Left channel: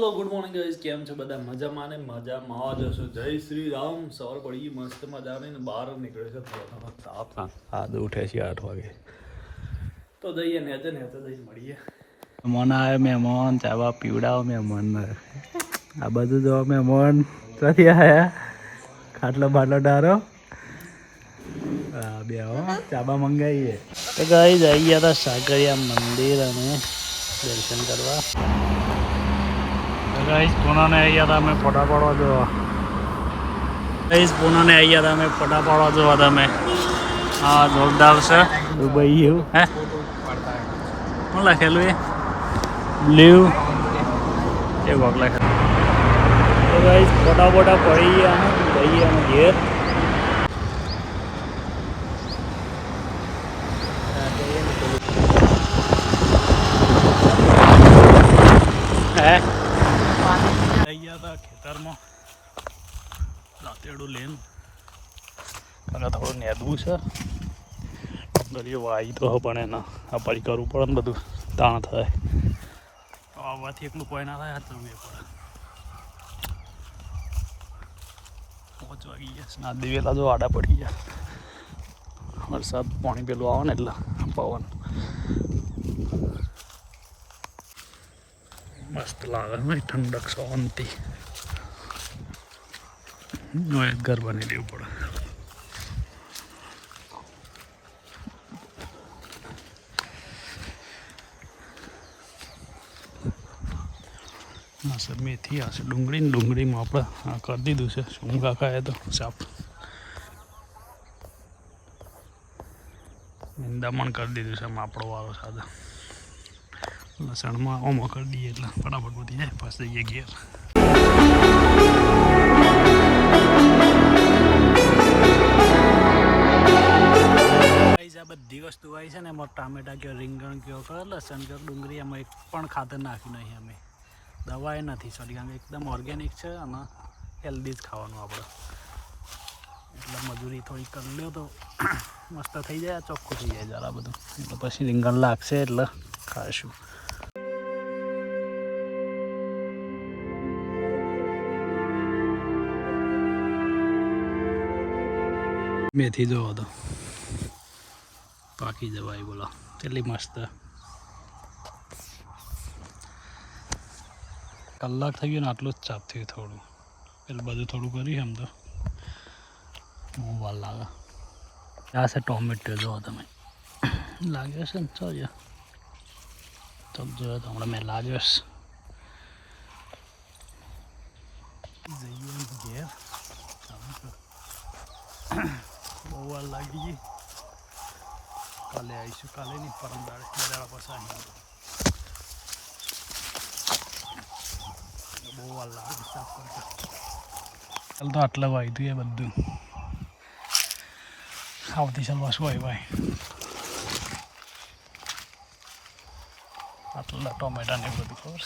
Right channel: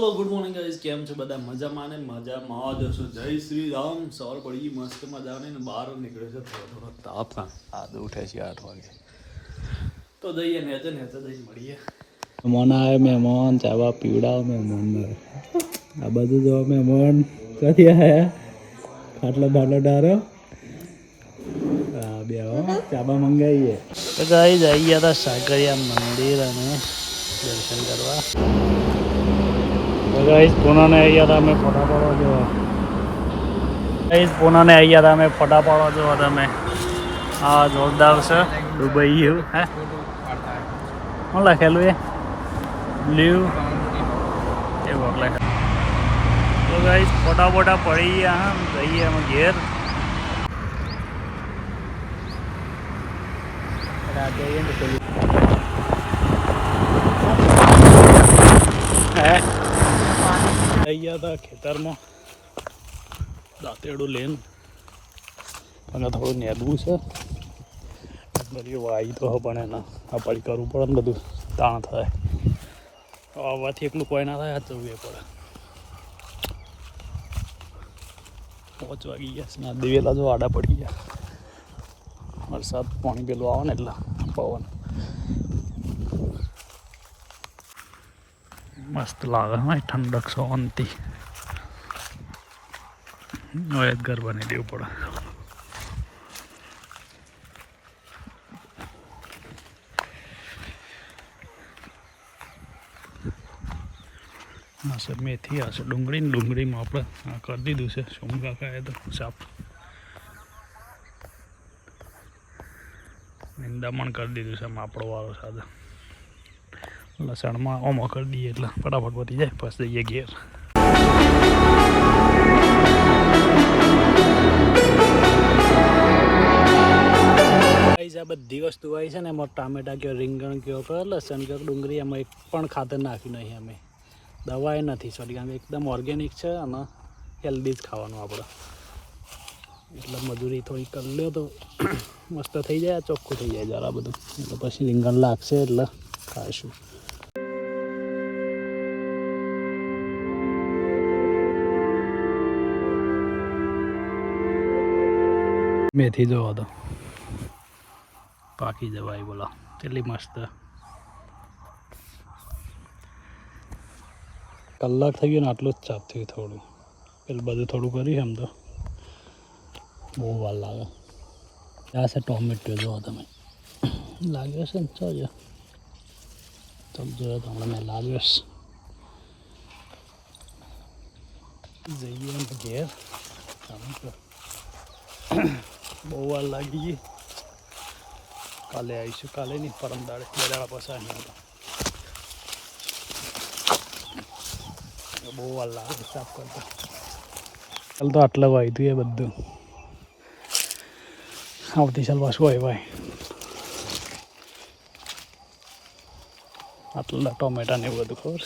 Hello good morning guys, કેમ છો બધા? મજામાં ને મજામાં જ હશો. જય શ્રી રામ. સવાર પડી મસ્ત મજાની ને બહાર નીકળે છે થોડો તાપ. આજ ઉઠે છે 8 વાગે. તો જઈએ નેચે જઈને મળીએ. મહેમાન આવે, મહેમાન ચાવા પીવડાવો મહેમાન. આ બધું જો મહેમાન ક્યાંથી આવ્યા? ખાટલો બાટલો ડારો બે ચાબા મંગાવીએ. તો ગાઈસ આવી ગયા હતા સાકરિયા મંદિર અને દર્શન કરવા. ગાઈસ પૂનાને આવી ગયા હતા અમે ફોટા પાડવા જોવા. ગાઈસ પૂનાને આવી ગયા હતા અમે ફોટા પાડવા જોવા તમે. હા જોરદાર છે દુબઈ ગયું હે. શું લખેલું એ બ્લુ એ વોક લખેલું. તો ગાઈસ ફોટા બોટા પડી ગયા જઈએ અમે ઘેર. આવી ગયા હતા ખેતરમાં દાંતેડું લઈને. અને થોડું નેદવું છે. દરિયો વાઈ તો પણ એના અપારી કરવું પડે ને બધું તાણ થાય. આવવાથી એકલું કોઈ ના થાય જવું એ પડે. 5 વાગી ગયા ના દિવેલા જો આડા પડી ગયા. વરસાદ પાણી પેલું આવે ને એટલે પવન મસ્ત લાગે. હા ઠંડક શાંતિ. હવે ઘર બની દેવું પડે. હા સર મેથી આ છે ડુંગળીમાં આપણે આ કરી દીધું છે. શું કાકાએ તો સાપ નિંદામણ કરી દીધું છે આપણો વાળો સાથે. લસણમાં ઓમો કરી દઈએ એટલે ફટાફટ પતી જાય. પછી જઈએ ઘેર. આ બધી વસ્તુ આવી છે ને એમાં ટામેટા કયો રીંગણ કયો કે લસણ કયો ડુંગળી એમાં એક પણ ખાતર નાખ્યું નહીં અમે. દવા એ નથી સોરી, કારણ કે એકદમ ઓર્ગેનિક છે અને હેલ્ધી જ ખાવાનું આપણે. એટલે મજૂરી થોડી કરી લ્યો તો મસ્ત થઈ જાય. ચોખ્ખું થઈ જાય જરા બધું. એટલે પછી રીંગણ લાગશે એટલે ખાશું. મેથી જોવો તો પાકી જવાય. બોલો કેટલી મસ્ત. કલાક થઈ ગયો ને આટલું જ ચાપ થયું થોડું. પેલું બધું થોડું કર્યું એમ તો બહુ વાર લાગે. આ છે ટોમેટો જોવો તમે. લાગ્યો છે ને ચાલો જોયો તો હમણાં મેં લાગ્યો છે. જઈએ એમ ઘેર. બહુ વાર લાગી ગઈ. કાલે આવીશું. કાલે નહીં પરમ દાડે 2 દાડા પછી આવી. બહુ વાર લાગે સાફ કરતા. ચાલ તો આટલા વાયદું એ બધું. આવતી ચાલ પાછું હોય ભાઈ. આટલા ટોમેટા ને એવું બધું ખબર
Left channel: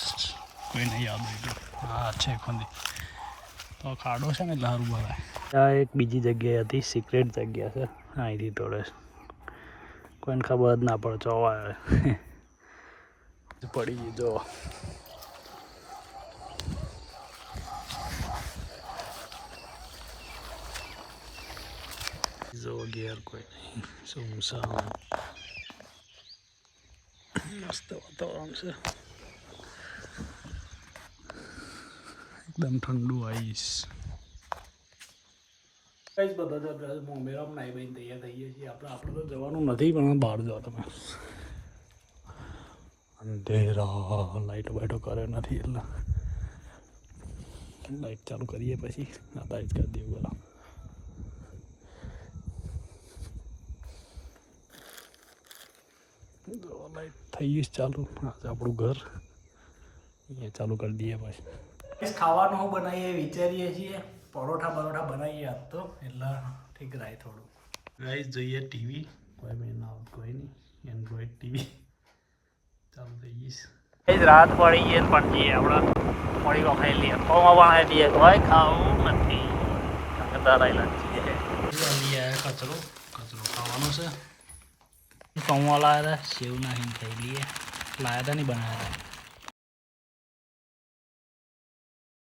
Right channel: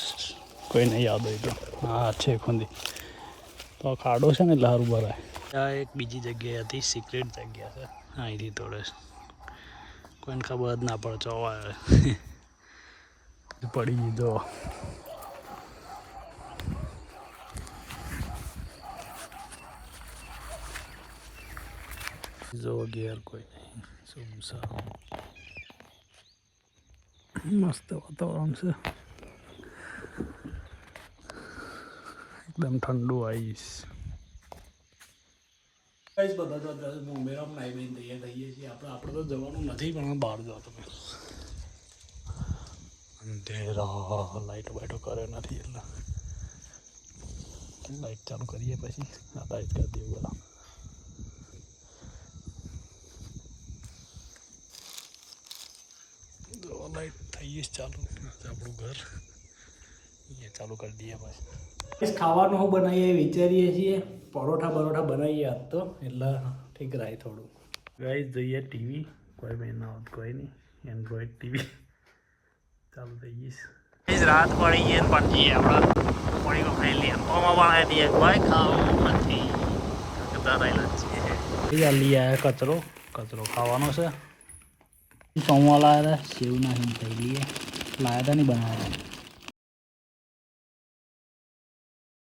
કોઈને યાદ હોય તો. હા છે ખુંદી તો ખાડો છે ને એટલે સારું ભરાય. આ એક બીજી જગ્યાએ હતી સિક્રેટ જગ્યા છે. અહીંથી તોડે કોઈને ખબર જ ના પડે. ચોવા પડી જો. જો ઘેર કોઈ નહીં. સુમસામ મસ્ત વાતાવરણ છે. એકદમ ઠંડુ આઈસ. બધા જો બોમ્બેમાં નાઈ બહીને તૈયાર થઈએ છીએ. આપણે તો જવાનું નથી પણ બહાર જવા તમે. અંધેરા લાઈટો બાઈટો કરે નથી એટલે લાઈટ ચાલુ કરીએ પછી આ લાઈટ કરી દઈએ. બોલો લાઈટ થઈ જ ચાલુ. આપણું ઘર અહીંયા ચાલુ કરી દઈએ પછી. ખાવાનું શું બનાવીએ વિચારીએ છીએ. પરોઠા બનાવીએ આજ તો એટલે ઠીક રહે થોડું. ગાઈસ જોઈએ ટીવી. કોઈ બી ના હોત કોઈ નહીં. એન્ડ્રોઈડ ટીવી ચાલુ થઈ ગઈશ. ગાઈસ રાત પડી ગઈ પણ જઈએ આપણે મળી ખાઈ લઈએ. પૌવા બનાવી દઈએ. ભાઈ ખાવું નથી ધરાયેલા છીએ. લઈ આવ્યા કચરો ખાવાનો છે. પૌવા લાવ્યા સેવ નાખીને ખાઈ લઈએ. લાવ્યા હતા નહીં બનાવ્યા હતા.